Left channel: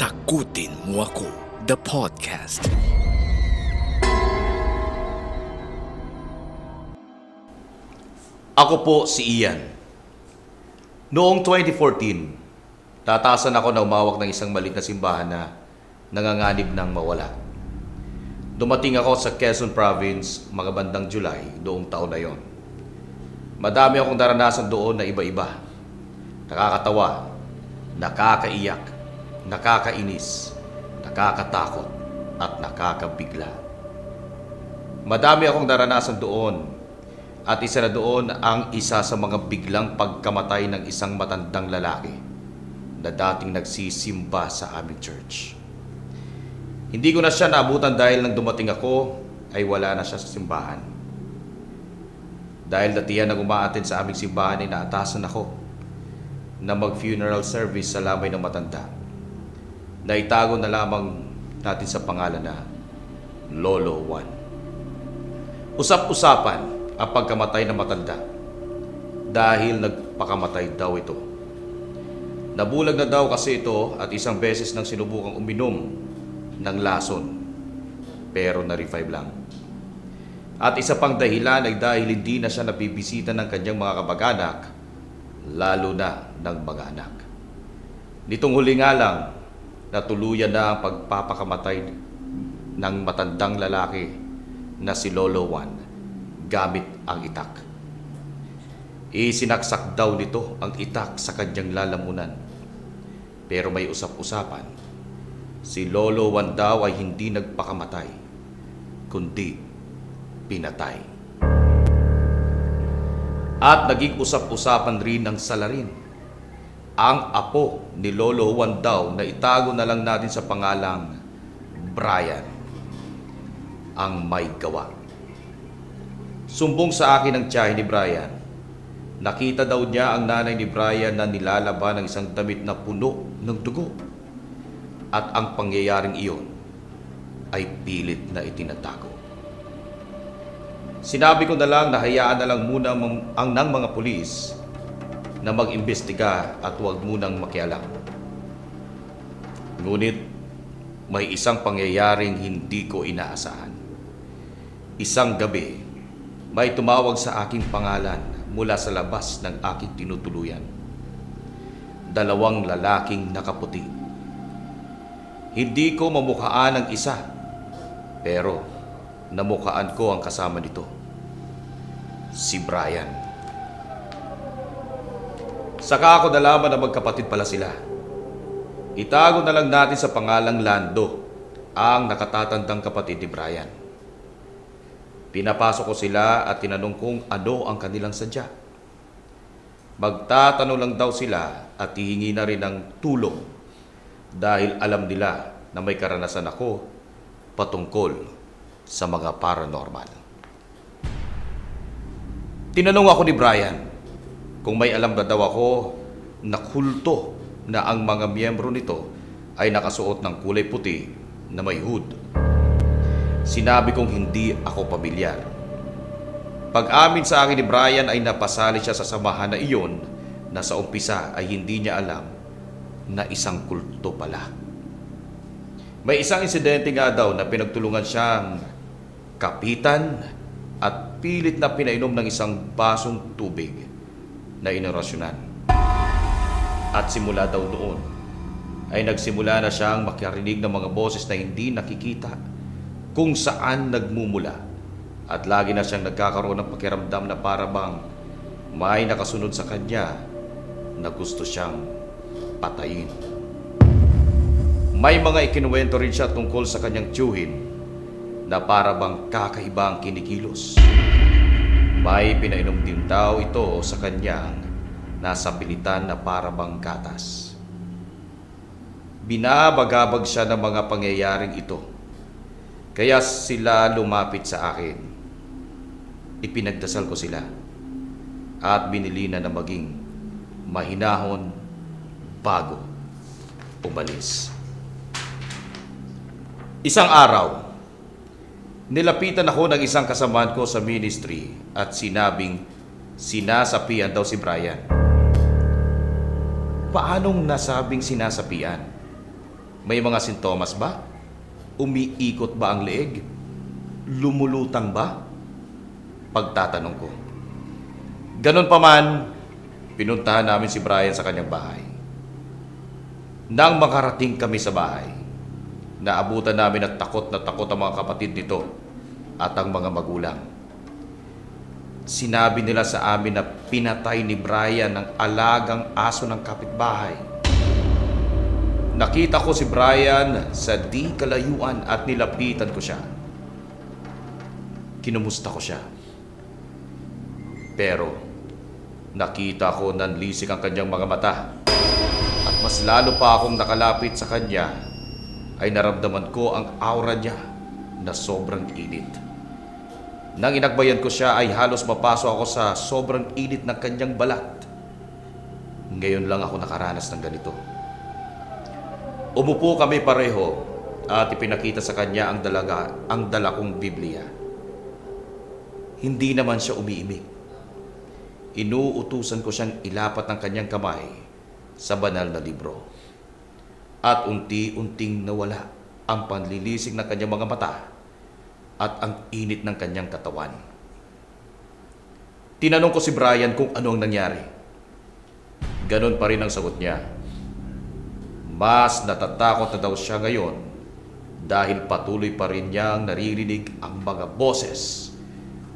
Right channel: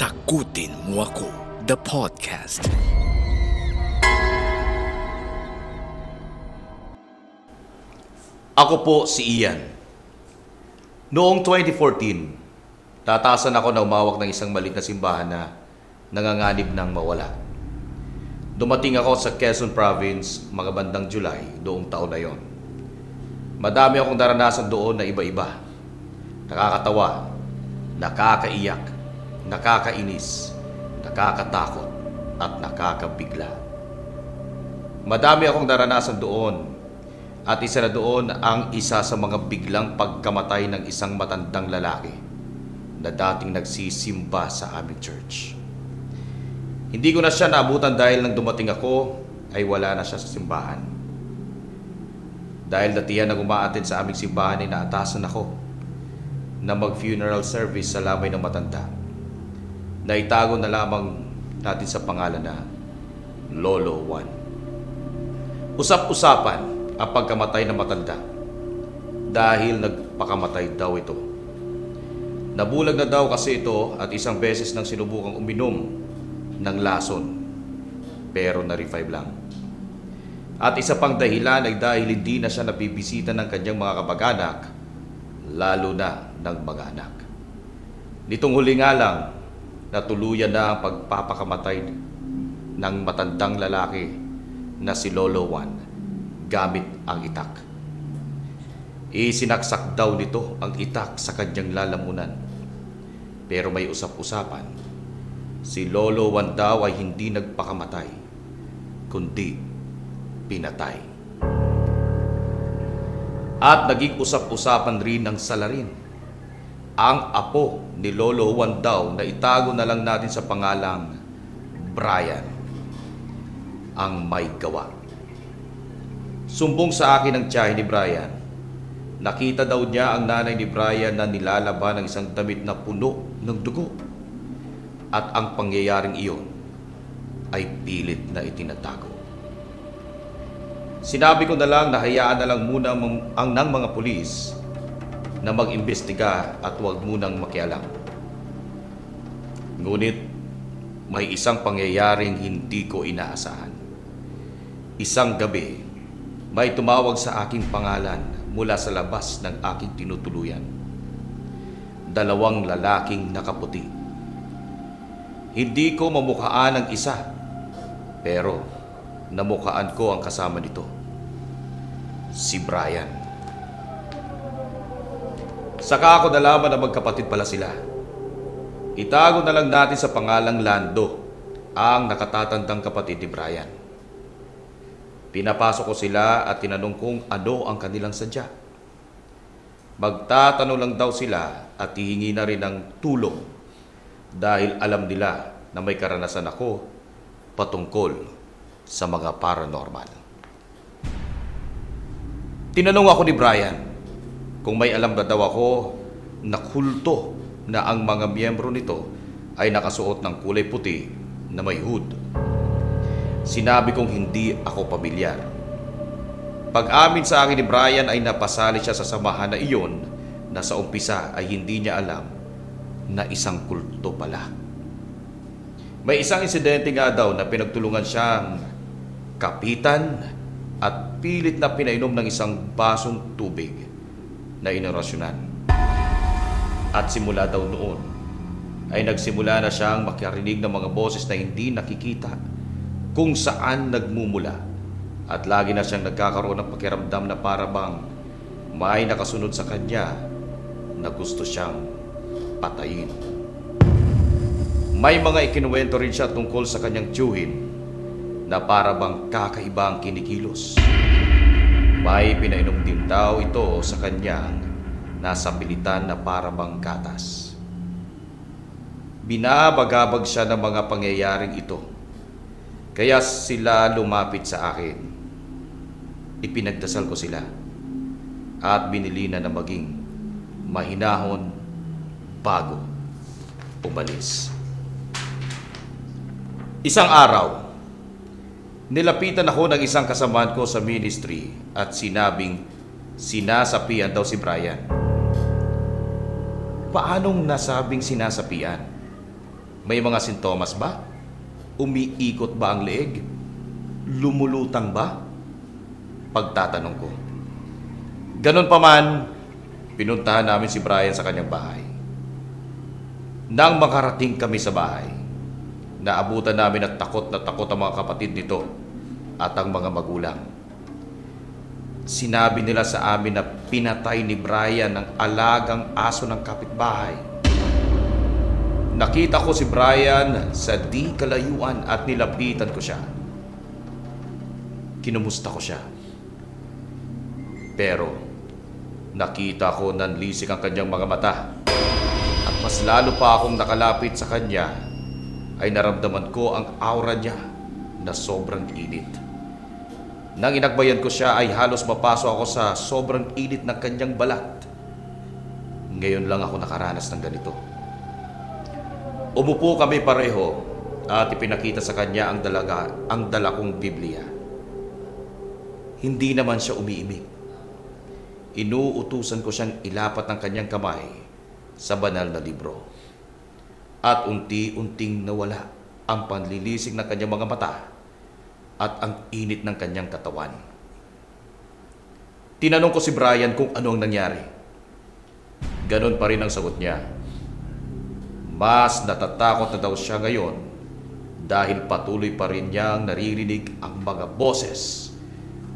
Takutin Mo Ako, the podcast. Ako po si Ian. Noong 2014, tatasan ako na umawak ng isang maliit na simbahan na nanganganib ng mawala. Dumating ako sa Quezon Province mga bandang July noong taon na yon. Madami akong naranasan doon na iba-iba. Nakakatawa, nakakaiyak, nakakainis, nakakatakot, at nakakabigla. Madami akong naranasan doon, at isa na doon ang isa sa mga biglang pagkamatay ng isang matandang lalaki na dating nagsisimba sa aming church. Hindi ko na siya naabutan dahil nang dumating ako ay wala na siya sa simbahan. Dahil datihan na umaattend sa aming simbahan ay naatasan ako na mag-funeral service sa lamay ng matanda. Naitago na lamang natin sa pangalan na Lolo Juan. Usap-usapan ang pagkamatay ng matanda dahil nagpakamatay daw ito. Nabulag na daw kasi ito at isang beses nang sinubukang uminom ng lason pero na-revive lang. At isa pang dahilan ay dahil hindi na siya nabibisita ng kanyang mga kamag-anak, lalo na ng mga anak. Nitong huli nga lang, natuluyan na ang pagpapakamatay ng matandang lalaki na si Lolo Juan gamit ang itak. Isinaksak daw nito ang itak sa kanyang lalamunan. Pero may usap-usapan, si Lolo Juan daw ay hindi nagpakamatay, kundi pinatay. At naging usap-usapan rin ng salarin. Ang apo ni Lolo Juan daw na itago na lang natin sa pangalang Brian ang may gawa. Sumbong sa akin ang tiyahin ni Brian. Nakita daw niya ang nanay ni Brian na nilalaban ng isang damit na puno ng dugo. At ang pangyayaring iyon ay pilit na itinatago. Sinabi ko na lang na hayaan na lang muna ang ng mga pulis na mag-imbestiga at huwag munang makialam. Ngunit may isang pangyayaring hindi ko inaasahan. Isang gabi, may tumawag sa aking pangalan mula sa labas ng aking tinutuluyan. 2 lalaking nakaputi. Hindi ko mamukhaan ang isa, pero namukhaan ko ang kasama nito, si Brian. Saka ako nalaman na magkapatid pala sila. Itago na lang natin sa pangalang Lando ang nakatatandang kapatid ni Brian. Pinapasok ko sila at tinanong kung ano ang kanilang sadya. Magtatanong lang daw sila at hihingi na rin ng tulong dahil alam nila na may karanasan ako patungkol sa mga paranormal. Tinanong ako ni Brian kung may alam na daw ako na kulto na ang mga miyembro nito ay nakasuot ng kulay puti na may hood. Sinabi kong hindi ako pamilyar. Pag-amin sa akin ni Brian ay napasali siya sa samahan na iyon na sa umpisa ay hindi niya alam na isang kulto pala. May isang insidente nga daw na pinagtulungan siyang kapitan at pilit na pinainom ng isang basong tubig na inorasyonan. At simula daw noon ay nagsimula na siyang makarinig ng mga boses na hindi nakikita kung saan nagmumula, at lagi na siyang nagkakaroon ng pakiramdam na para bang may nakasunod sa kanya na gusto siyang patayin. May mga ikinuwento rin siya tungkol sa kanyang tiyuhin na para bang kakaiba ang kinikilos. May pinainom din daw ito sa kanyang nasa pilitan na para bang gatas. Binabagabag siya ng mga pangyayaring ito. Kaya sila lumapit sa akin. Ipinagdasal ko sila at binili na maging mahinahon bago umalis. Isang araw, nilapitan ako ng isang kasamahan ko sa ministry at sinabing sinasapian daw si Brian. Paanong nasabing sinasapian? May mga sintomas ba? Umiikot ba ang leeg? Lumulutang ba? Pagtatanong ko. Ganon pa man, pinuntahan namin si Brian sa kanyang bahay. Nang makarating kami sa bahay, naabutan namin at takot na takot ang mga kapatid nito at ang mga magulang. Sinabi nila sa amin na pinatay ni Brian ang alagang aso ng kapitbahay. Nakita ko si Brian sa di kalayuan at nilapitan ko siya. Kinumusta ko siya. Pero nakita ko nanlisik ang kanyang mga mata. At mas lalo pa akong nakalapit sa kanya ay naramdaman ko ang aura niya na sobrang init. Nang inakbayan ko siya ay halos mapasok ako sa sobrang init ng kanyang balat. Ngayon lang ako nakaranas ng ganito. Umupo kami pareho at ipinakita sa kanya ang dala kong Biblia. Hindi naman siya umiimik. Inuutusan ko siyang ilapat ng kanyang kamay sa banal na libro. At unti-unting nawala ang panlilisik ng kanyang mga mata at ang init ng kanyang katawan. Tinanong ko si Brian kung ano ang nangyari. Ganon pa rin ang sagot niya. Mas natatakot na daw siya ngayon dahil patuloy pa rin niyang naririnig ang mga boses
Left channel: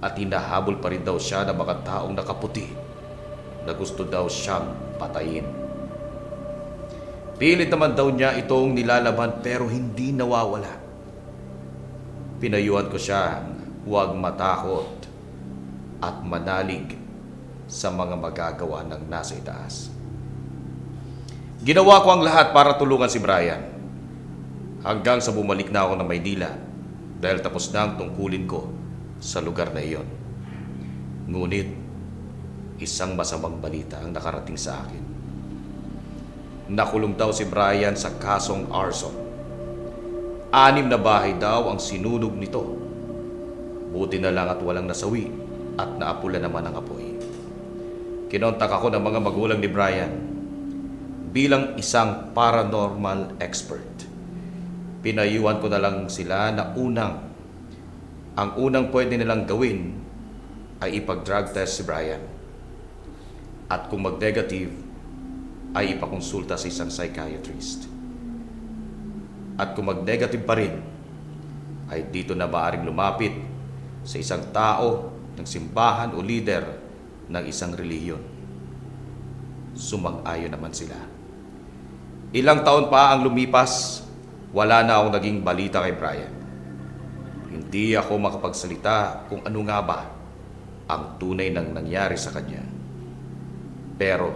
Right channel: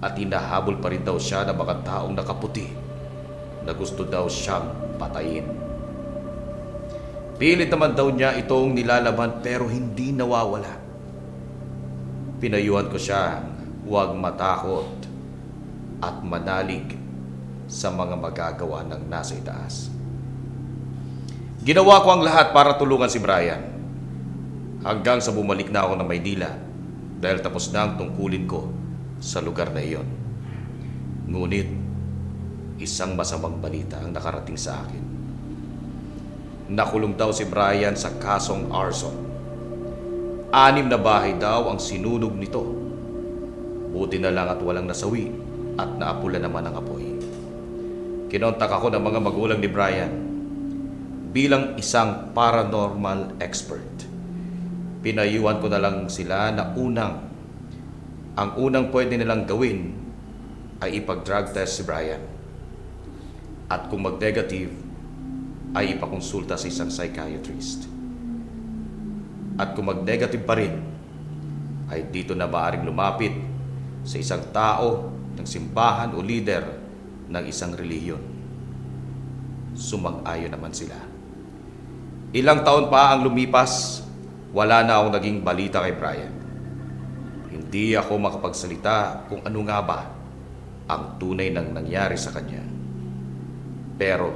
at hinahabol pa rin daw siya ng mga taong nakaputi na gusto daw siyang patayin. Pilit naman daw niya itong nilalaban pero hindi nawawala. Pinayuhan ko siya huwag matakot at manalig sa mga magagawa ng nasa itaas. Ginawa ko ang lahat para tulungan si Brian hanggang sa bumalik na ako ng Maynila dahil tapos na ang tungkulin ko sa lugar na iyon. Ngunit isang masamang balita ang nakarating sa akin. Nakulong daw si Brian sa kasong arson. 6 na bahay daw ang sinunog nito. Buti na lang at walang nasawi at naapula naman ang apoy. Kinontak ako ng mga magulang ni Brian bilang isang paranormal expert. Pinayuhan ko na lang sila na ang unang pwede nilang gawin ay ipag-drug test si Brian. At kung mag-negative, ay ipakonsulta sa isang psychiatrist. At kung mag-negative pa rin, ay dito na maaaring lumapit sa isang tao ng simbahan o leader ng isang relihiyon. Sumang-ayon naman sila. Ilang taon pa ang lumipas, wala na akong naging balita kay Brian. Hindi ako makapagsalita kung ano nga ba ang tunay nang nangyari sa kanya. Pero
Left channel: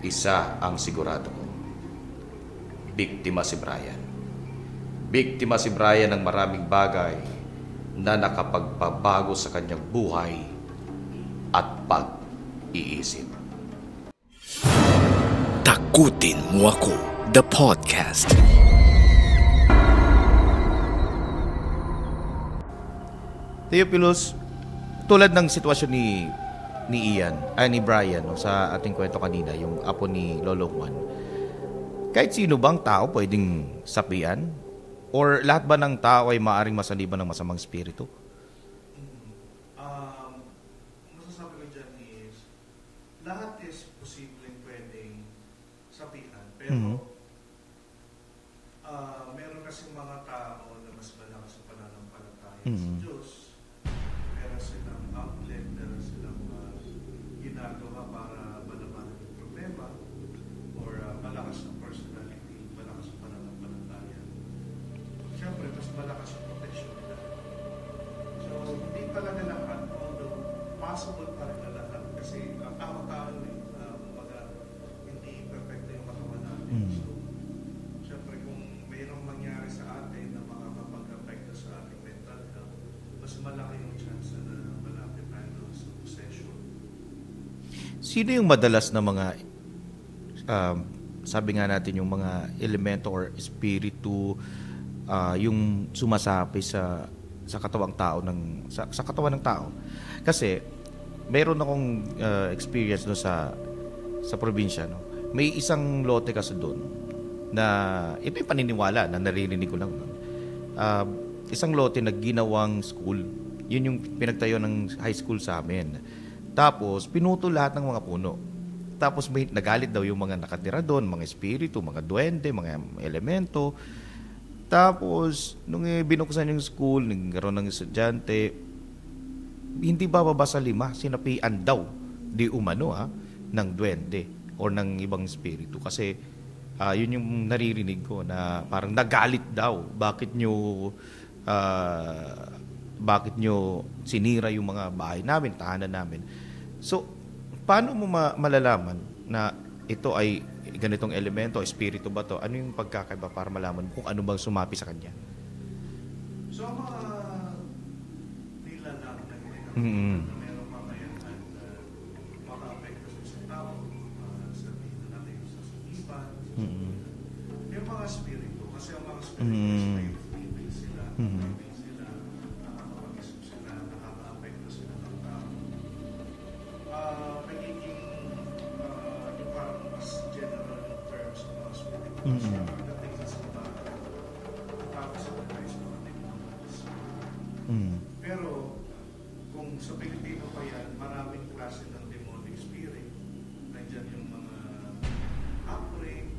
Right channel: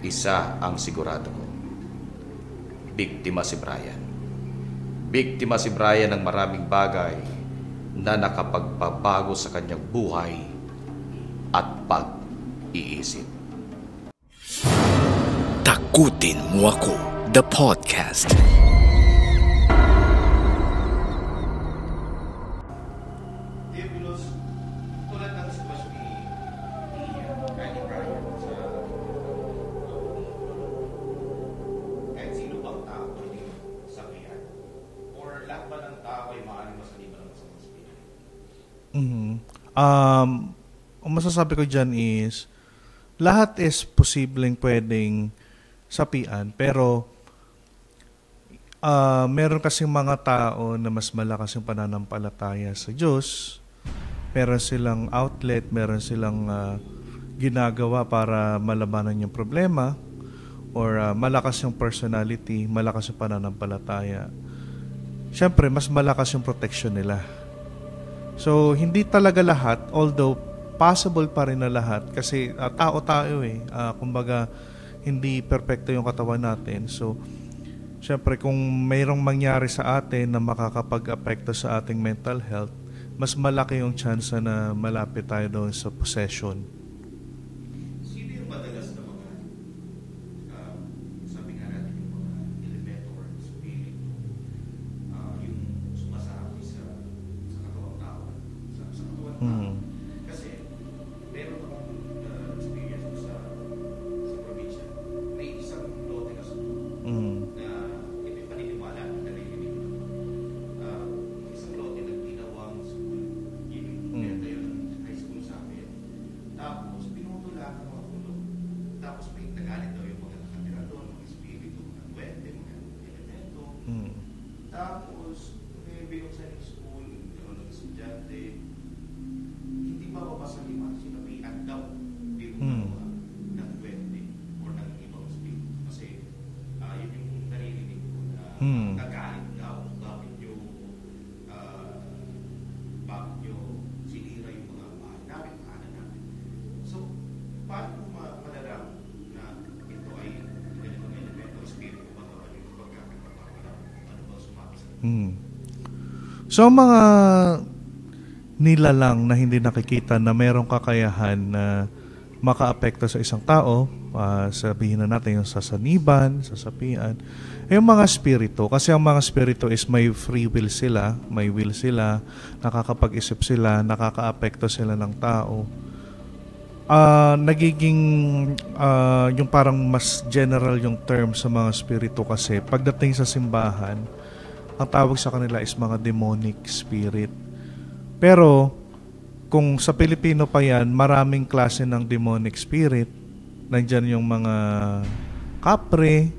isa ang sigurado ko. Biktima si Brian. Biktima si Brian ng maraming bagay na nakapagpabago sa kanyang buhay at pag-iisip. Takutin Mo Ako, the podcast. Theophilus, tulad ng sitwasyon ni Brian sa ating kwento kanina, yung apo ni Lolo Juan. Kahit sino bang tao pwedeng sapian? Or lahat ba ng tao ay maaaring masaliban ng masamang spirito? Ang masasabi ko dyan is, lahat is posibleng pwedeng sapian, pero meron kasing mga tao na mas malakas yung pananampalataya sa Diyos. Meron silang outlet, meron silang ginagawa para malabanan yung problema, or malakas yung personality, malakas yung pananampalataya. Siyempre, mas malakas yung protection nila. So, hindi talaga lahat, although possible pa rin na lahat, kasi tao tayo eh. Kumbaga, hindi perfecto yung katawan natin. So, siyempre, kung mayroong mangyari sa atin na makakapag-apekto sa ating mental health, mas malaki yung chance na malapit tayo doon sa possession. Sino yung madalas na mga, sabi nga natin, yung mga elemento or espiritu, yung sumasapi sa katawang tao sa katawan ng tao? Kasi meron akong experience no sa probinsya, no. May isang lote kasi doon na ito yung paniniwala na naririnig ko lang. Isang lote na ginawang school, yun yung pinagtayo ng high school sa amin. Tapos, pinuto lahat ng mga puno. Tapos, may nagalit daw yung mga nakatira doon, mga espiritu, mga duwende, mga elemento. Tapos, nung binuksan yung school, nagkaroon ng estudyante, hindi bababa sa 5, sinapian daw, di umano ng duwende or ng ibang espiritu. Kasi, yun yung naririnig ko na parang nagalit daw. Bakit nyo sinira yung mga bahay namin, tahanan namin. So, paano mo malalaman na ito ay ganitong elemento, espiritu ba to? Ano yung pagkakaiba para malaman kung ano bang sumapi sa kanya? So, mga nilalang na hindi nakikita na mayroong kakayahan na makaapekto sa isang tao, sabihin na natin yung sasaniban, sasapian, yung mga spirito, kasi ang mga spirito is may free will sila, may will sila, nakakapag-isip sila, nakakaapekto sila ng tao. Nagiging yung parang mas general yung term sa mga spirito kasi pagdating sa simbahan, ang tawag sa kanila is mga demonic spirit. Pero kung sa Pilipino pa yan, maraming klase ng demonic spirit. Nandyan yung mga kapre,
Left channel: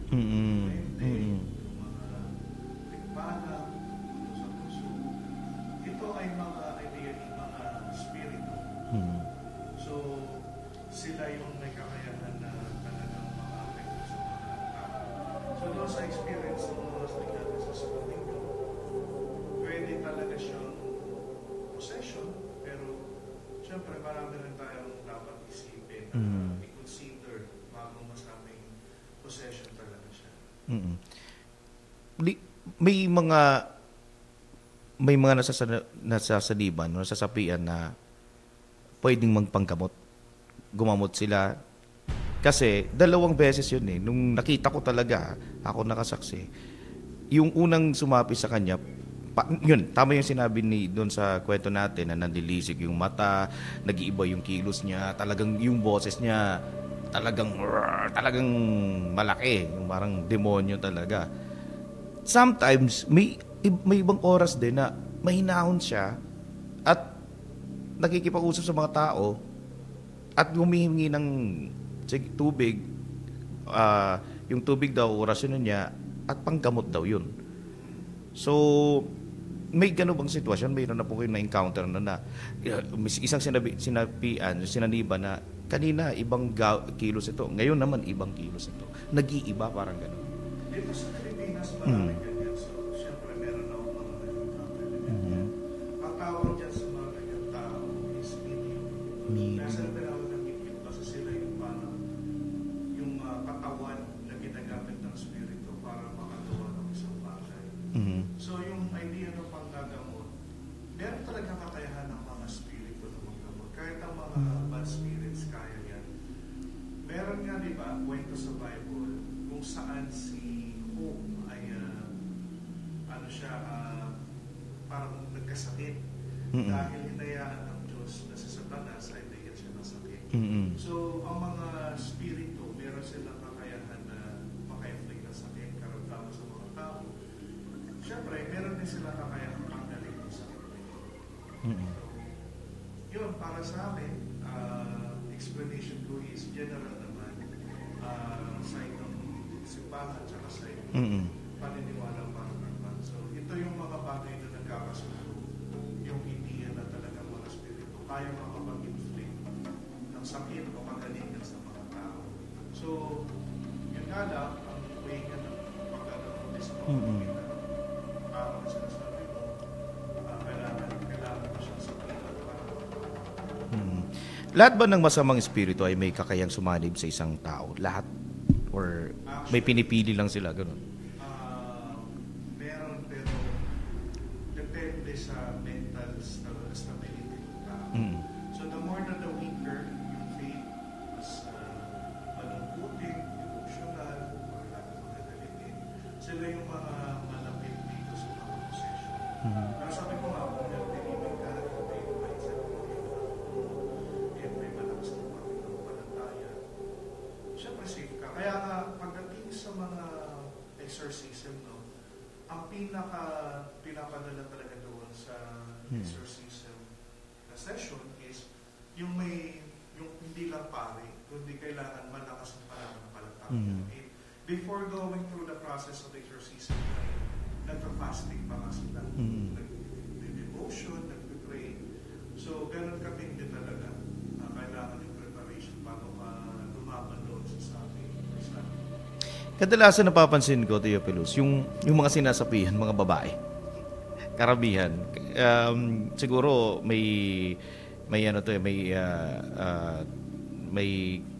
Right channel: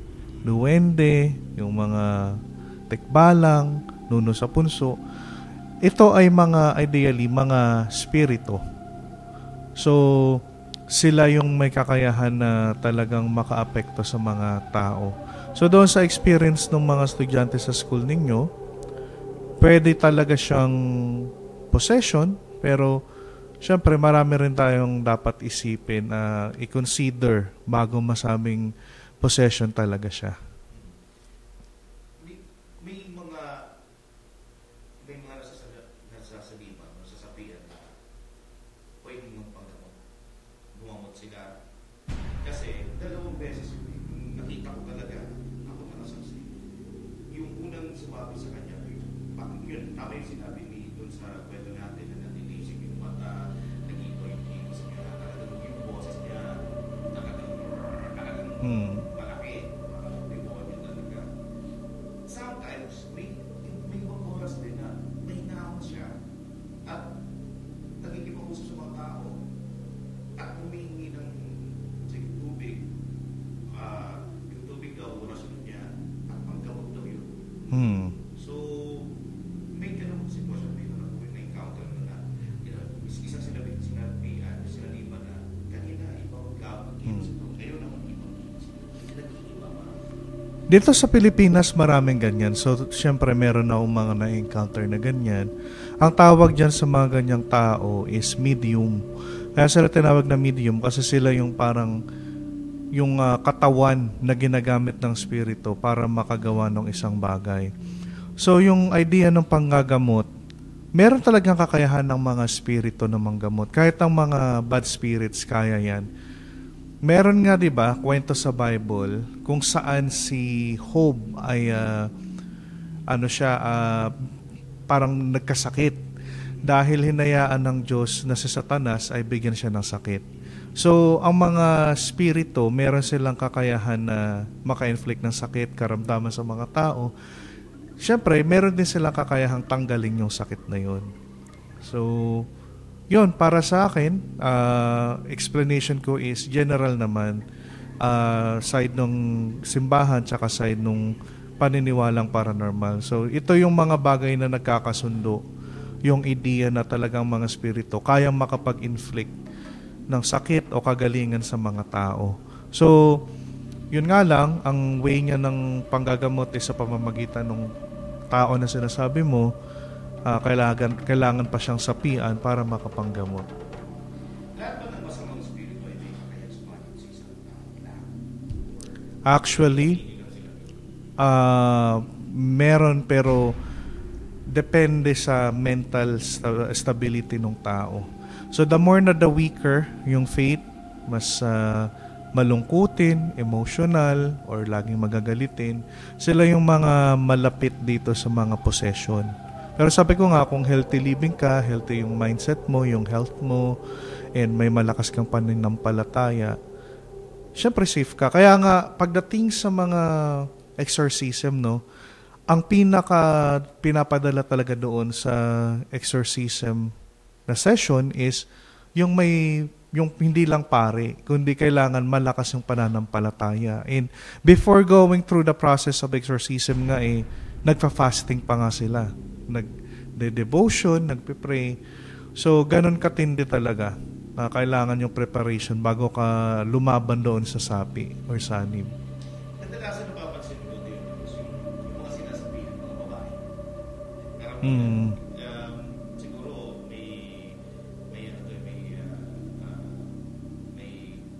duwende, yung mga tikbalang, nuno sa punso. Ito ay ideally, mga spirito. So, sila yung may kakayahan na talagang makaapekto sa mga tao. So, doon sa experience ng mga estudyante sa school ninyo, pwede talaga siyang possession, pero syempre marami rin tayong dapat isipin, i-consider bago masabing possession talaga siya. May mga nasasaliban, nasasapian na pwedeng magpanggamot. Gumamot sila. Kasi 2 beses yun eh. Nung nakita ko talaga, ako nakasaksi, yung unang sumapi sa kanya, yun, tama yung sinabi doon sa kwento natin na nandilisik yung mata, nag-iiba yung kilos niya, talagang yung boses niya, talagang malaki, parang demonyo talaga. Sometimes, may ibang oras din na mahinahon siya at nakikipag-usap sa mga tao at humihingi ng tubig. Yung tubig daw, orasyon niya at panggamot daw yun. So, may gano'n bang sitwasyon? Mayroon na po kayo na-encounter na isang sinaniba na kanina ibang kilos ito, ngayon naman ibang kilos ito. Nag-iiba parang gano'n. Dito sa Pilipinas, maraming ganyan. So, syempre, meron na akong mga na-encounter na ganyan. Ang tawag dyan sa mga ganyang tao is medium. Kaya sila tinawag na medium kasi sila yung parang yung katawan na ginagamit ng spirito para makagawa ng isang bagay. So, yung idea ng panggagamot, meron talagang kakayahan ng mga spirito na manggamot. Kahit ang mga bad spirits, kaya yan. Meron nga, di ba, kwento sa Bible kung saan si Job ay parang nagkasakit dahil hinayaan ng Diyos na si Satanas ay bigyan siya ng sakit. So, ang mga spirito, meron silang kakayahan na maka-inflict ng sakit, karamdaman sa mga tao. Siyempre, meron din silang kakayahang tanggalin yung sakit na yun. So, yun, para sa akin, explanation ko is general naman, side ng simbahan tsaka side ng paniniwalang paranormal. So, ito yung mga bagay na nagkakasundo, yung idea na talagang mga spirito kayang makapag-inflict ng sakit o kagalingan sa mga tao. So, yun nga lang, ang way niya ng panggagamot is sa pamamagitan ng tao na sinasabi mo, kailangan pa siyang sapian para makapanggamot. Lahat ba ng masamang espiritu ay may kakayang sumanib sa isang tao? Lahat? Or actually, may pinipili lang sila? Ganun? Meron, pero depende sa mental stability ng tao. So the more na the weaker yung faith, mas malungkutin, emotional, or laging magagalitin, sila yung mga malapit dito sa mga possession. Pero sabi ko nga, kung healthy living ka, healthy yung mindset mo, yung health mo, and may malakas kang pananampalataya, syempre safe ka. Kaya nga, pagdating sa mga exorcism, no? Ang pinapadala talaga doon sa exorcism na session is yung hindi lang pare, kundi kailangan malakas yung pananampalataya. And before going through the process of exorcism nga nagfa-fasting pa nga sila. Nagde-devotion, nagpe-pray. So, ganun katindi talaga na kailangan yung preparation bago ka lumaban doon sa sapi or sanib. Kadalasan napapansin ko, Theophilus, yung mga sinasapihan, mga babae. Karamihan. Siguro may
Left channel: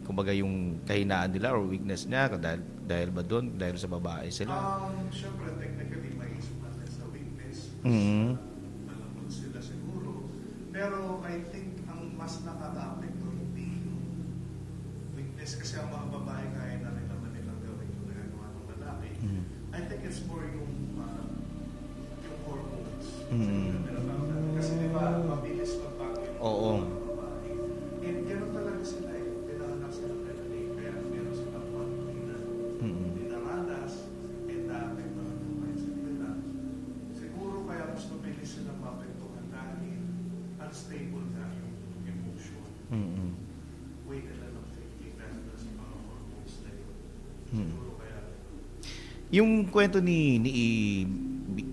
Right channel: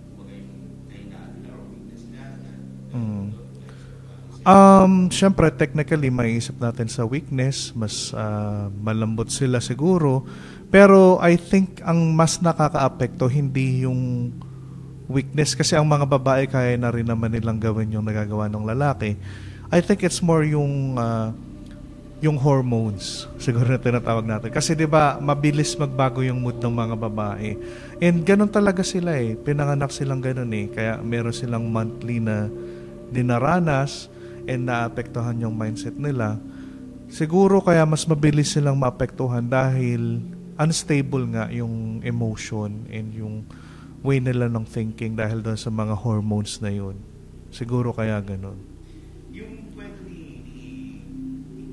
kumbaga yung kahinaan nila or weakness niya dahil ba doon, dahil sa babae sila. Syempre, technically, maiisip natin sa weakness, mas malambot sila siguro. Pero I think ang mas nakakaapekto hindi yung weakness kasi ang mga babae kaya na rin naman nilang gawin yung nagagawa ng lalaki. I think it's more yung hormones, siguro na tinatawag natin. Kasi 'di ba, mabilis magbago yung mood ng mga babae. And ganun talaga sila pinanganak silang ganun kaya meron silang monthly na dinaranas and naapektuhan yung mindset nila. Siguro kaya mas mabilis silang maapektuhan dahil unstable nga yung emotion and yung way nila ng thinking dahil doon sa mga hormones na yun. Siguro kaya ganun. Yung kwento ni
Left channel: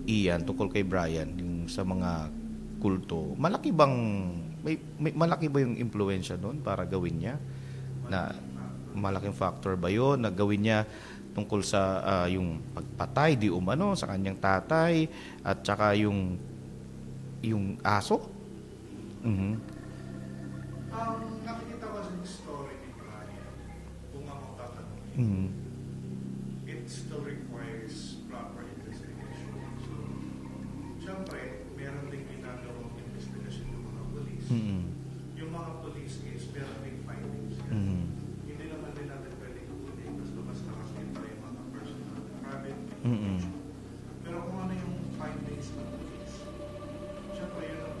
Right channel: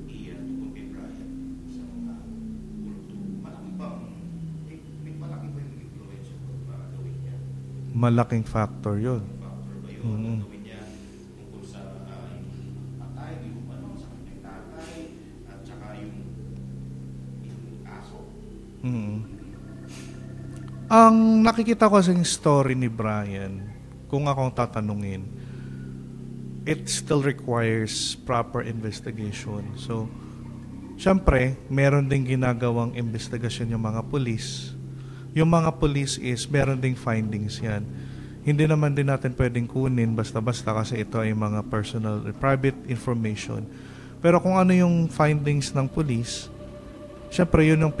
Ian tungkol kay Brian yung sa mga kulto, malaki ba yung impluwensya doon para gawin niya? Malaking factor yun. Malaking factor ba yun na gawin niya tungkol sa yung pagpatay di umano sa kanyang tatay at saka yung aso? Ang nakikita ko sa story ni Brian, kung akong tatanungin, it still requires proper investigation. So, syempre, meron ding ginagawang investigasyon yung mga police. Yung mga police is, meron ding findings yan. Hindi naman din natin pwedeng kunin basta-basta kasi ito ay mga personal, private information. Pero kung ano yung findings ng police, syempre yun yung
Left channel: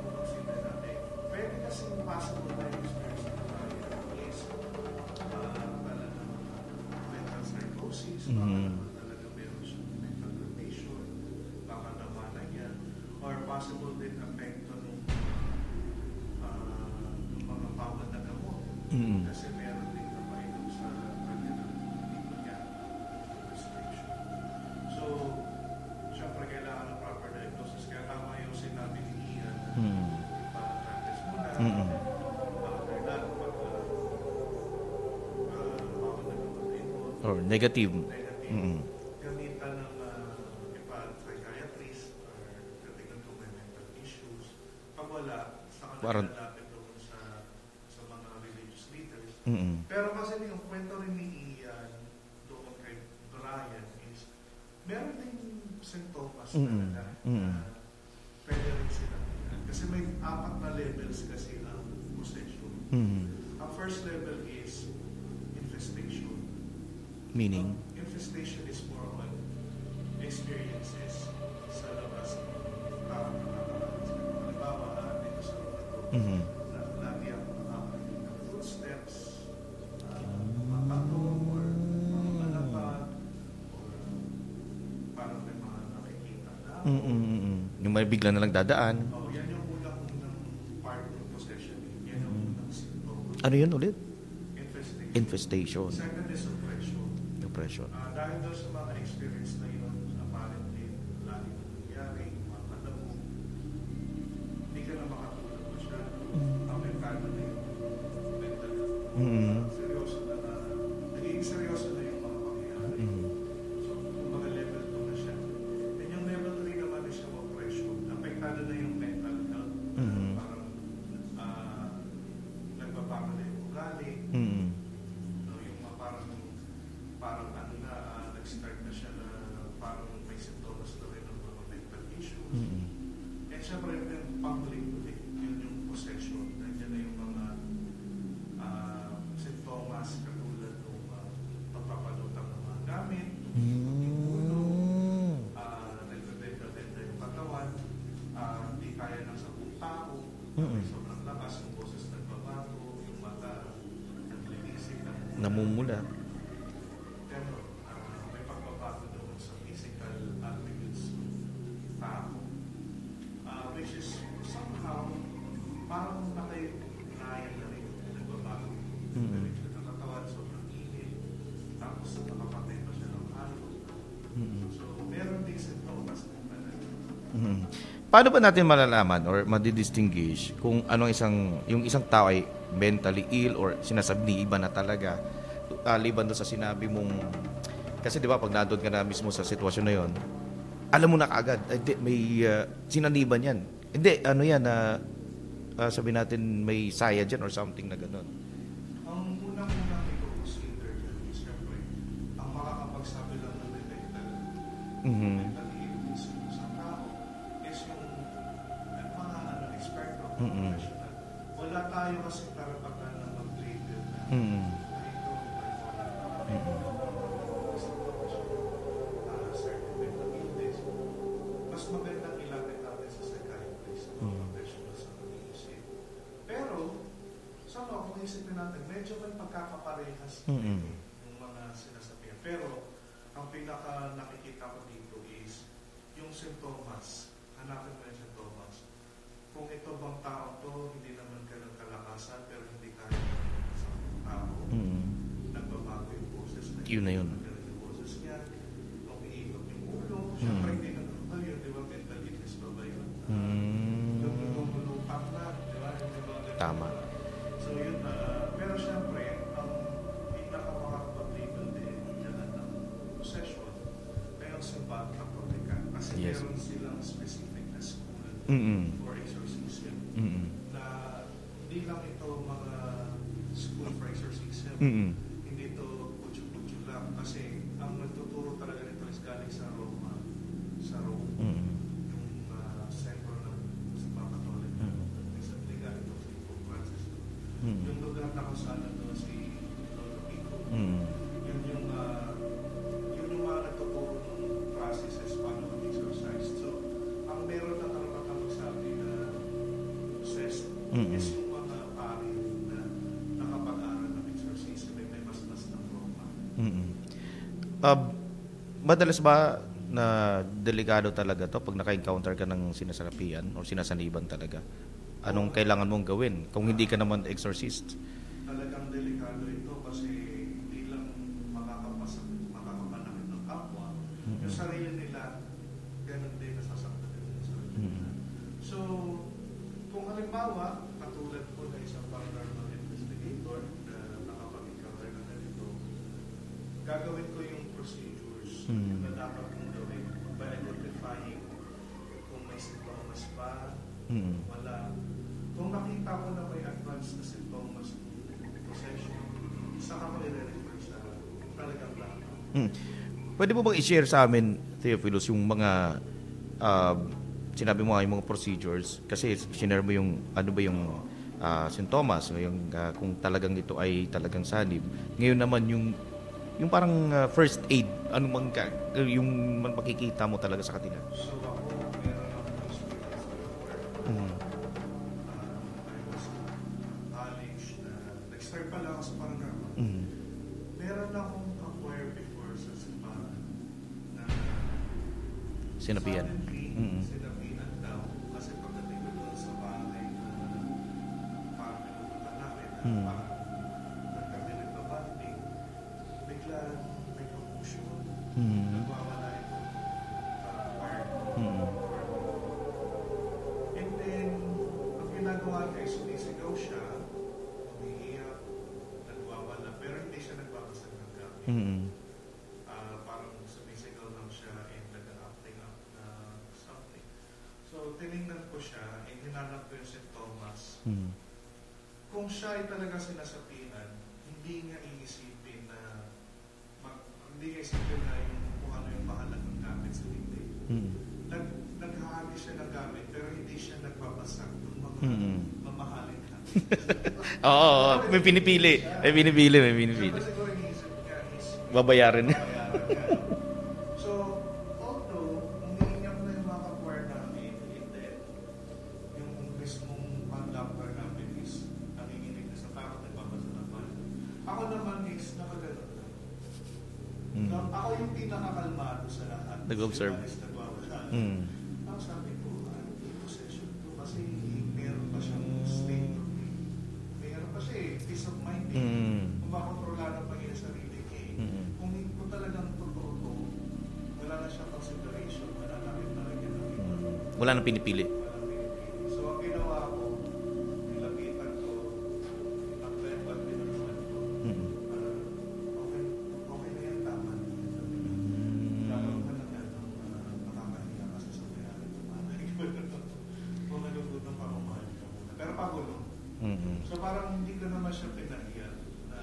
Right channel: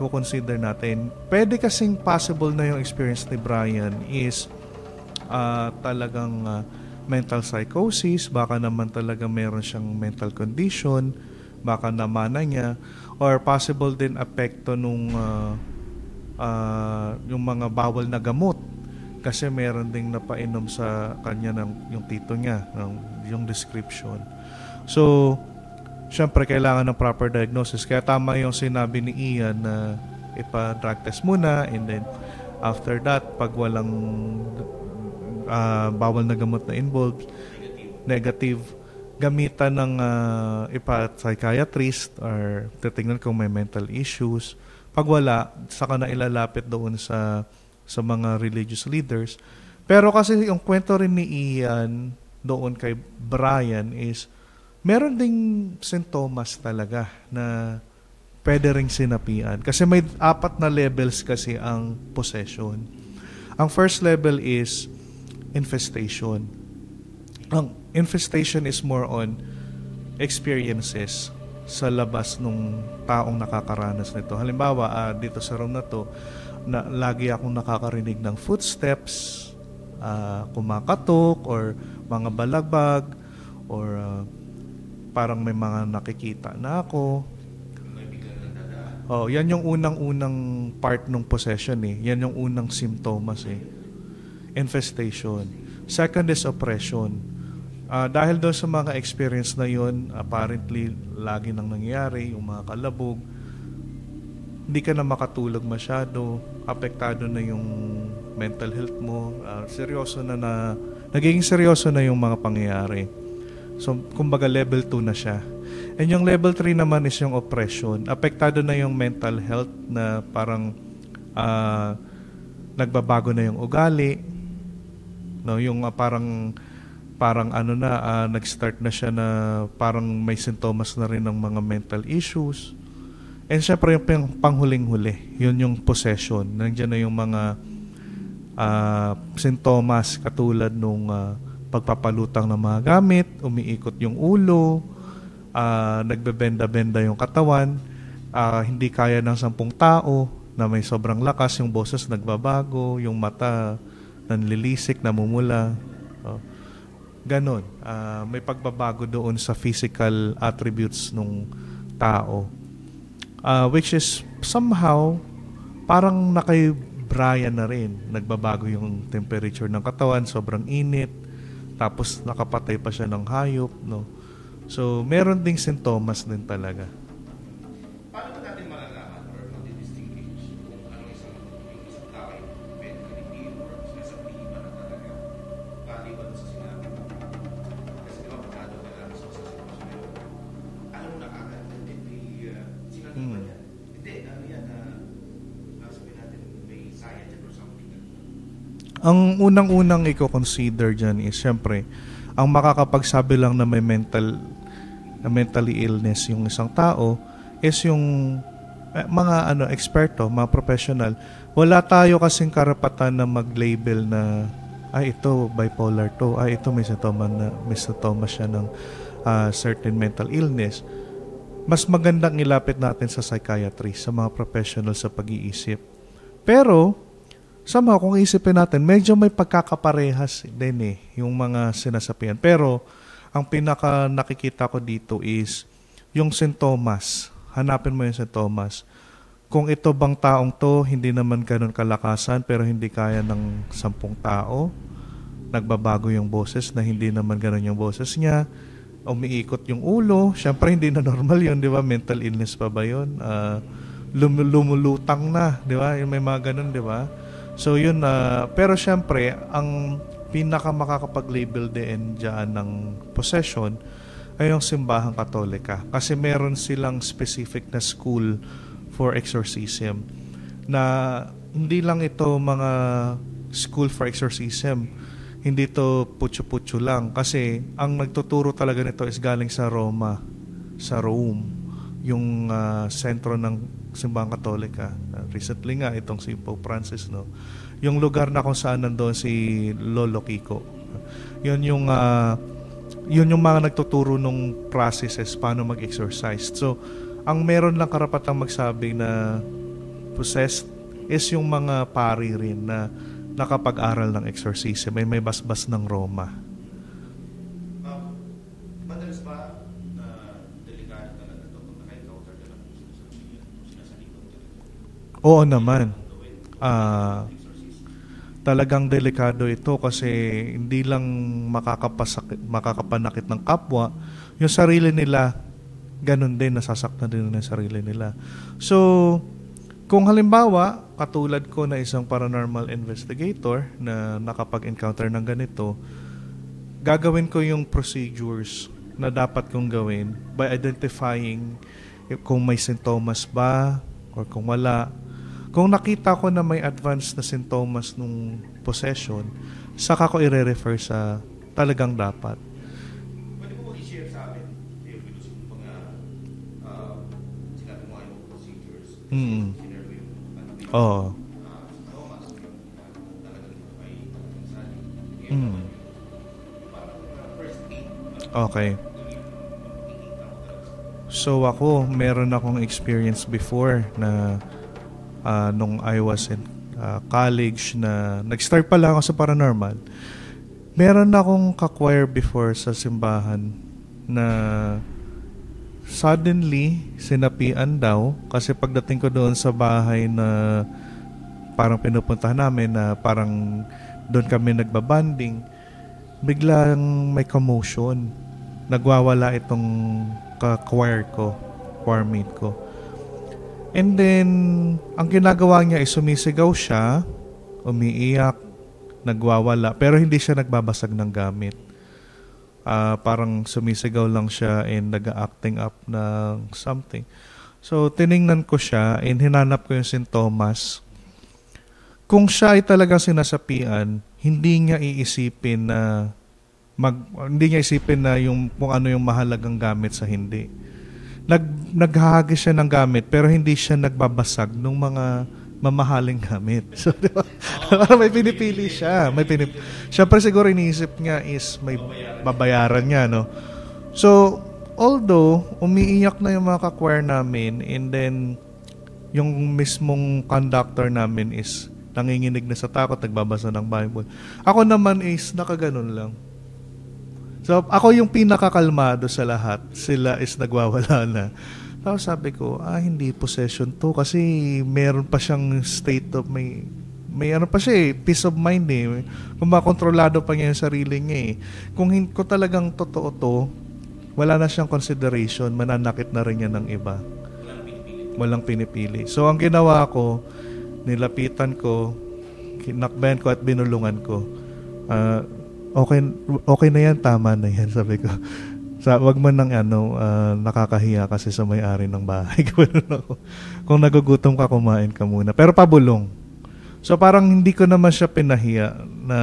i-consider natin. Pwede kasing possible na yung experience ni Brian is talagang mental psychosis, baka naman talaga meron siyang mental condition, baka namana niya, or possible din apekto nung yung mga bawal na gamot. Kasi meron ding napainom sa kanya yung tito niya, yung description. So, syempre, kailangan ng proper diagnosis. Kaya tama yung sinabi ni Ian na ipa-drug test muna and then after that, pag walang bawal na gamot na involved, negative, gamitan ng ipa-psychiatrist or titignan kung may mental issues. Pag wala, saka na ilalapit doon sa mga religious leaders. Pero kasi yung kwento rin ni Ian doon kay Brian is meron ding sintomas talaga na pwede ring sinapian. Kasi may 4 na levels kasi ang possession. Ang first level is infestation. Ang infestation is more on experiences sa labas nung taong nakakaranas nito. Halimbawa, dito sa room na to, na lagi akong nakakarinig ng footsteps, kumakatok, or mga balagbag, or parang may mga nakikita na ako. Yung may bigla na lang dadaan. Yan yung unang part ng possession Yan yung unang symptoms. Ano yun ulit? Infestation. Second is oppression. Dahil doon sa mga experience na yun, apparently, lagi nang nangyayari, yung mga kalabog, hindi ka na makatulog masyado, apektado na yung mental health mo, nagiging seryoso na yung mga pangyayari. So, kumbaga level 2 na siya. And yung level 3 naman is yung oppression. Apektado na yung mental health na parang nagbabago na yung ugali. No, yung parang nag-start na siya na parang may sintomas na rin ng mga mental issues. And syempre yung panghuling-huli, yun yung possession. Nandiyan na yung mga sintomas katulad nung pagpapalutang ng mga gamit, umiikot yung ulo, nagbebenda-benda yung katawan, hindi kaya ng 10 tao na may sobrang lakas, yung boses nagbabago, yung mata nanlilisik, namumula. ganon. May pagbabago doon sa physical attributes ng tao. Which is somehow parang nakay Brian na rin. Nagbabago yung temperature ng katawan, sobrang init, tapos nakapatay pa siya ng hayop, no? So, meron ding sintomas din talaga. Paano ba natin malalaman or madidistinguish kung yung isang tao ay mentally ill or sinasabi iba na talaga? Liban doon sa sinabi mong, kasi di ba pag nandun ka na mismo sa sitwasyon na yon, alam mo na kaagad, may sinaniban yan. Hindi, sabi natin may saya dyan or something na gano'n. Ang unang-unang i-consider dyan is, syempre, ang makakapagsabi lang na may mentally illness yung isang tao is yung mga eksperto, mga professional. Wala tayo kasing karapatan na mag-label na ito bipolar to, ito may sintomas siya ng certain mental illness. Mas magandang ilapit natin sa psychiatry, sa mga professional sa pag-iisip. Pero somehow kung isipin natin, medyo may pagkakaparehas din yung mga sinasapian. Pero ang pinaka nakikita ko dito is yung sintomas. Hanapin mo yung sintomas. Kung ito bang taong to, hindi naman ganun kalakasan, pero hindi kaya ng 10 tao. Nagbabago yung boses na hindi naman ganun yung boses niya. Umiikot yung ulo. Siyempre, hindi na normal yun, di ba? Mental illness pa ba yun? Lumulutang na, di ba? Yung may mga ganun, di ba? So, yun. Pero siyempre, ang pinaka makakapag-label din dyan ng possession ay yung simbahang Katolika. Kasi meron silang specific na school for exorcism. Na hindi lang ito mga school for exorcism. Hindi to putyo-putyo lang. Kasi ang nagtuturo talaga nito is galing sa Roma, sa Rome. Yung sentro ng simbahang Katolika. Recently nga, itong si Pope Francis, no? Yung lugar na kung saan nandoon si Lolo Kiko. Yun yung mga nagtuturo nung processes paano mag-exorcise. So, ang meron lang karapatang magsabi na possessed is yung mga pari rin na nakapag-aral ng exorcism. May basbas ng Roma. Madalas ba na delikado talaga to pag naka-encounter ka ng sinasarapian o sinasaniban talaga? Oo naman. Kailangan naman. mong gawin kung hindi ka naman exorcist? Talagang delikado ito kasi hindi lang makakapanakit ng kapwa, yung sarili nila, ganun din, nasasaktan din ng sarili nila. So, kung halimbawa, katulad ko na isang paranormal investigator na nakapag-encounter ng ganito, gagawin ko yung procedures na dapat kong gawin by identifying kung may sintomas ba or kung wala. Kung nakita ko na may advanced na sintomas nung possession, saka ko i-refer sa talagang dapat. Pwede mo bang i-share sa amin, Theophilus, yung mga sinabi mo nga yung mga procedures? Kasi sinare mo yung ano ba yung sintomas, yung kung talagang ito ay talagang sanib. Ngayon naman yung parang first aid, yung makikita mo talaga sa kanila. So ako, meron akong experience before na nung I was in college na nag-start pa lang ako sa paranormal. Meron akong ka-choir before sa simbahan na suddenly sinapian daw kasi pagdating ko doon sa bahay na parang pinupuntahan namin na parang doon kami nagbabanding, biglang may commotion. Nagwawala itong ka-choir ko, choir mate ko. And then, ang ginagawa niya ay sumisigaw siya, umiiyak, nagwawala, pero hindi siya nagbabasag ng gamit. Parang sumisigaw lang siya and nag-acting up ng something. So, tiningnan ko siya and hinanap ko yung sintomas. Kung siya ay talagang sinasapian, hindi niya iisipin na yung kung ano yung mahalagang gamit sa hindi. Naghahagis siya ng gamit pero hindi siya nagbabasag ng mga mamahaling gamit. So, diba? May pinipili siya. May pinipili. Siyempre siguro iniisip niya is may babayaran niya, no? So, although umiiyak na yung mga ka-choir namin and then yung mismong conductor namin is nanginginig na sa takot, nagbabasa ng Bible. Ako naman is nakaganon lang. So ako yung pinakakalmado sa lahat. Sila is nagwawala na. Tapos sabi ko, hindi possession to kasi meron pa siyang state of may ano pa siya peace of mind Kung makontrolado pa niya yung sarili niya Kung talagang totoo to, wala na siyang consideration, mananakit na rin yan ng iba. Wala nang pinipili. Walang pinipili. So ang ginawa ko, nilapitan ko, kinakbayan ko at binulungan ko. Okay na yan, tama na yan, sabi ko. Wag man nang nakakahiya kasi sa may-ari ng bahay. Kung nagugutom ka, kumain ka muna. Pero pabulong. So parang hindi ko naman siya pinahiya na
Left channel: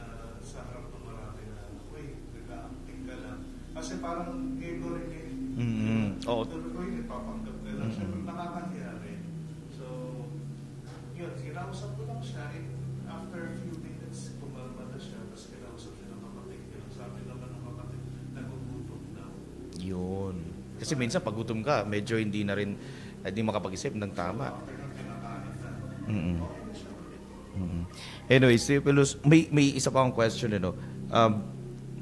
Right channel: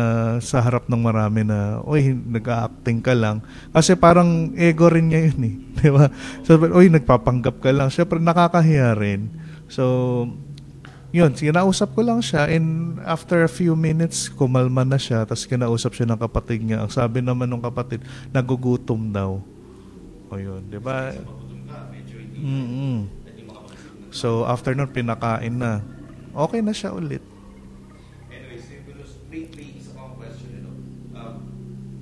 sa harap ng marami na, nag-acting ka lang. Kasi parang ego rin niya yun Di ba? So, nagpapanggap ka lang. Siyempre nakakahiya rin. So, yun, kinausap ko lang siya and after a few minutes, kumalma na siya. Tapos kinausap siya ng kapatid niya. Ang sabi naman ng kapatid, nagugutom daw. Yun. Diba? Kasi minsan pagutom ka, medyo hindi na rin, hindi makapag-isip ng tama. So after nun, pinakain na. Okay na siya ulit. Anyways, Theophilus, may isa pa akong question,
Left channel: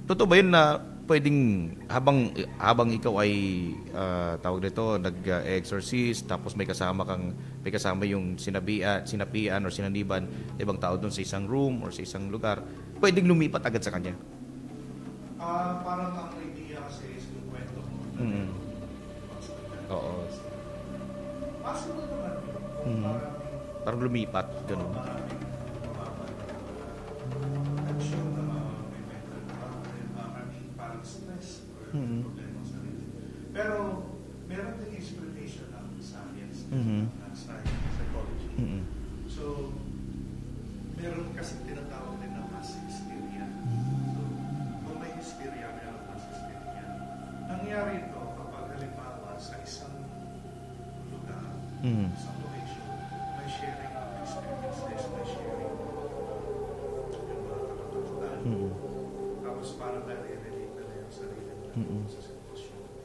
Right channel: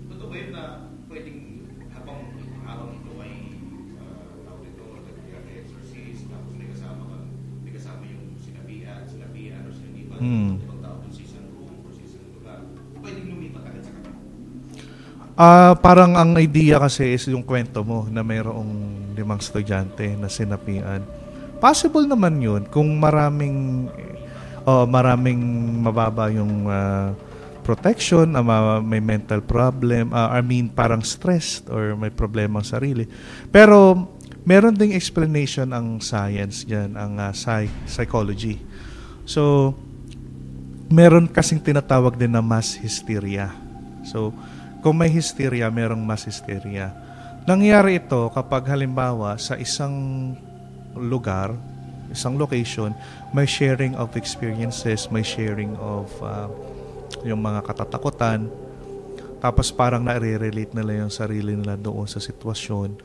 totoo ba yun na pwedeng habang ikaw ay tawag nito, nag-exorcist, tapos may kasama yung sinapian or sinaniban ibang tao doon sa isang room or sa isang lugar, pwedeng lumipat agad sa kanya? Parang ang idea kasi is yung kwento mo na mayroong 5 estudyante na sinapian. Possible naman yun kung maraming parang lumipat. Maraming mababa yung protection, may mental problem, parang stressed or may problema ang sarili. Pero meron ding explanation ang science diyan, ang psychology. So meron kasing tinatawag din na mass hysteria. So kung may hysteria, merong mass hysteria. Nangyayari ito kapag halimbawa sa isang lugar, isang location, may sharing of experiences, may sharing of yung mga katatakutan. Tapos parang nare-relate nila yung sarili nila doon sa sitwasyon.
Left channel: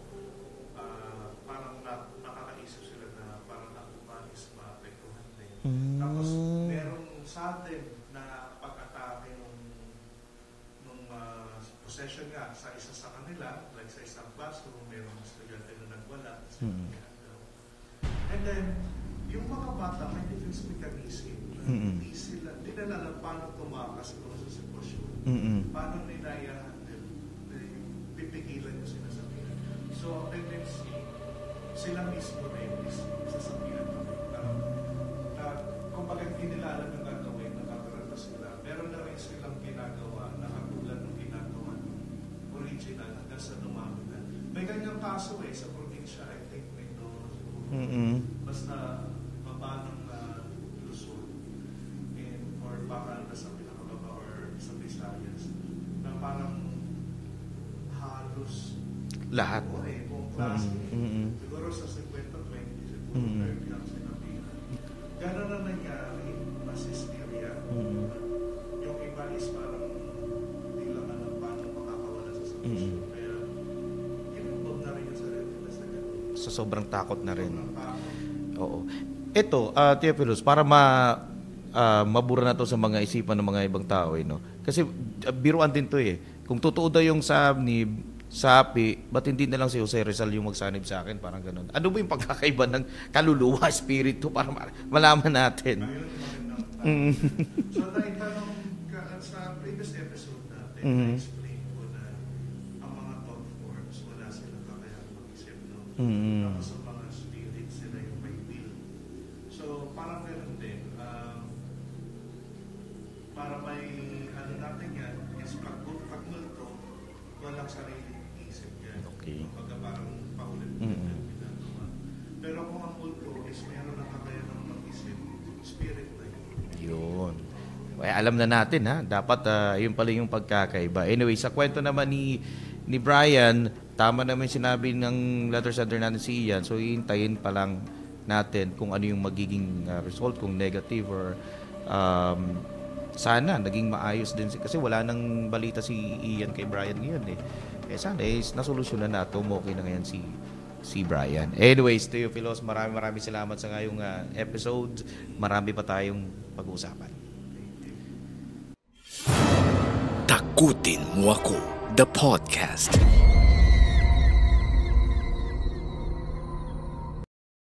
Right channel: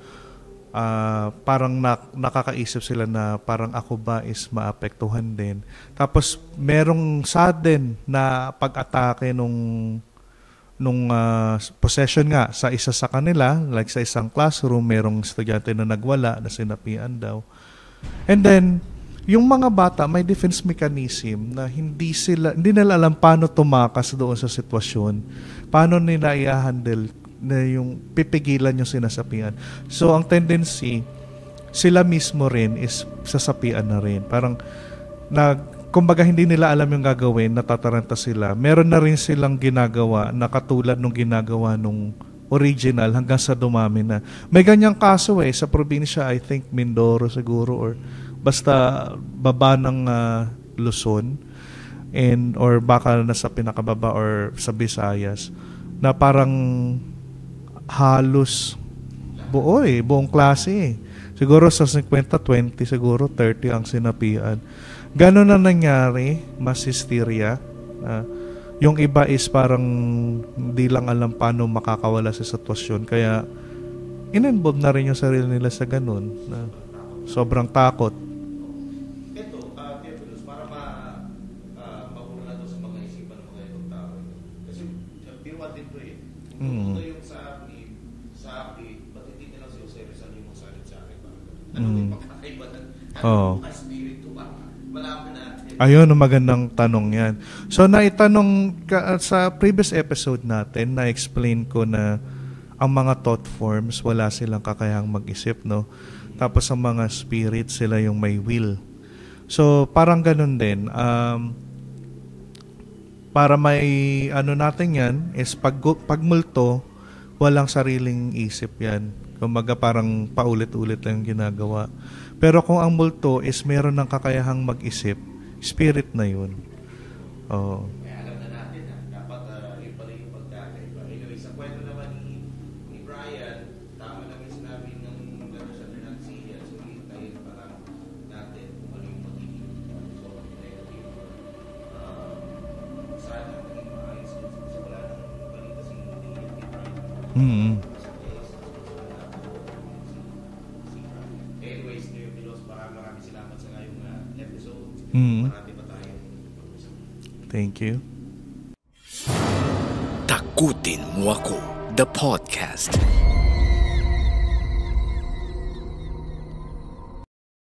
Parang nakakaisip sila na parang ako ba is maapektuhan din. Tapos merong sudden na pag-atake nung possession nga sa isa sa kanila, like sa isang classroom, merong estudyante na nagwala, na sinapian daw. And then, yung mga bata may defense mechanism na hindi nila alam paano tumakas doon sa sitwasyon. Paano nila i-handle na yung pipigilan yung sinasapian. So, ang tendency, sila mismo rin is sasapian na rin. Parang, kumbaga hindi nila alam yung gagawin, natataranta sila. Meron na rin silang ginagawa na katulad nung ginagawa nung original hanggang sa dumami na. May ganyang kaso sa probinsya, I think Mindoro siguro or basta baba ng Luzon or baka nasa pinakababa or sa Visayas na parang halos lahat. Buong klase. Siguro sa 50, 20, siguro 30 ang sinapian. Ganon na nangyari, mass hysteria. Yung iba is parang hindi lang alam paano makakawala sa sitwasyon. Kaya in-involve na rin yung sarili nila sa ganun. So, sobrang takot na Sobrang takot. Oo. Ito, Theophilus, para mabura na to sa mga isipan ng mga ibang tao. Kasi biruan din to Kung totoo daw yung sapi, ba't hindi na lang si Jose Rizal yung magsanib sa akin? Parang ganun. Ano ba yung pagkakaiba ng kaluluwa, spirito, para malaman natin? Ayun, magandang tanong yan. So, naitanong sa previous episode natin, na-explain ko na ang mga thought forms, wala silang kakayahang mag-isip, no? Tapos ang mga spirit, sila yung may will. So, parang ganun din. Para may natin yan, is pagmulto, walang sariling isip yan. Kumbaga parang paulit-ulit lang ginagawa. Pero kung ang multo is meron ng kakayahang mag-isip, spirit na yun. Oo. Alam na natin dapat yun pala yung pagkakaiba. Anyway, sa kwento naman ni Brian, tama naman sinabi ng letter sender natin si Ian. So hihintayin pa lang natin kung ano yung magiging result, kung negative or sana naging maayos din kasi wala nang balita si Ian kay Brian ngayon sana nasolusyonan na ito, okay na ngayon si Brian. Anyways, Theophilus, maraming salamat sa ngayong episode. Marami pa tayong pag-uusapan. Thank you. Takutin mo ako. the podcast.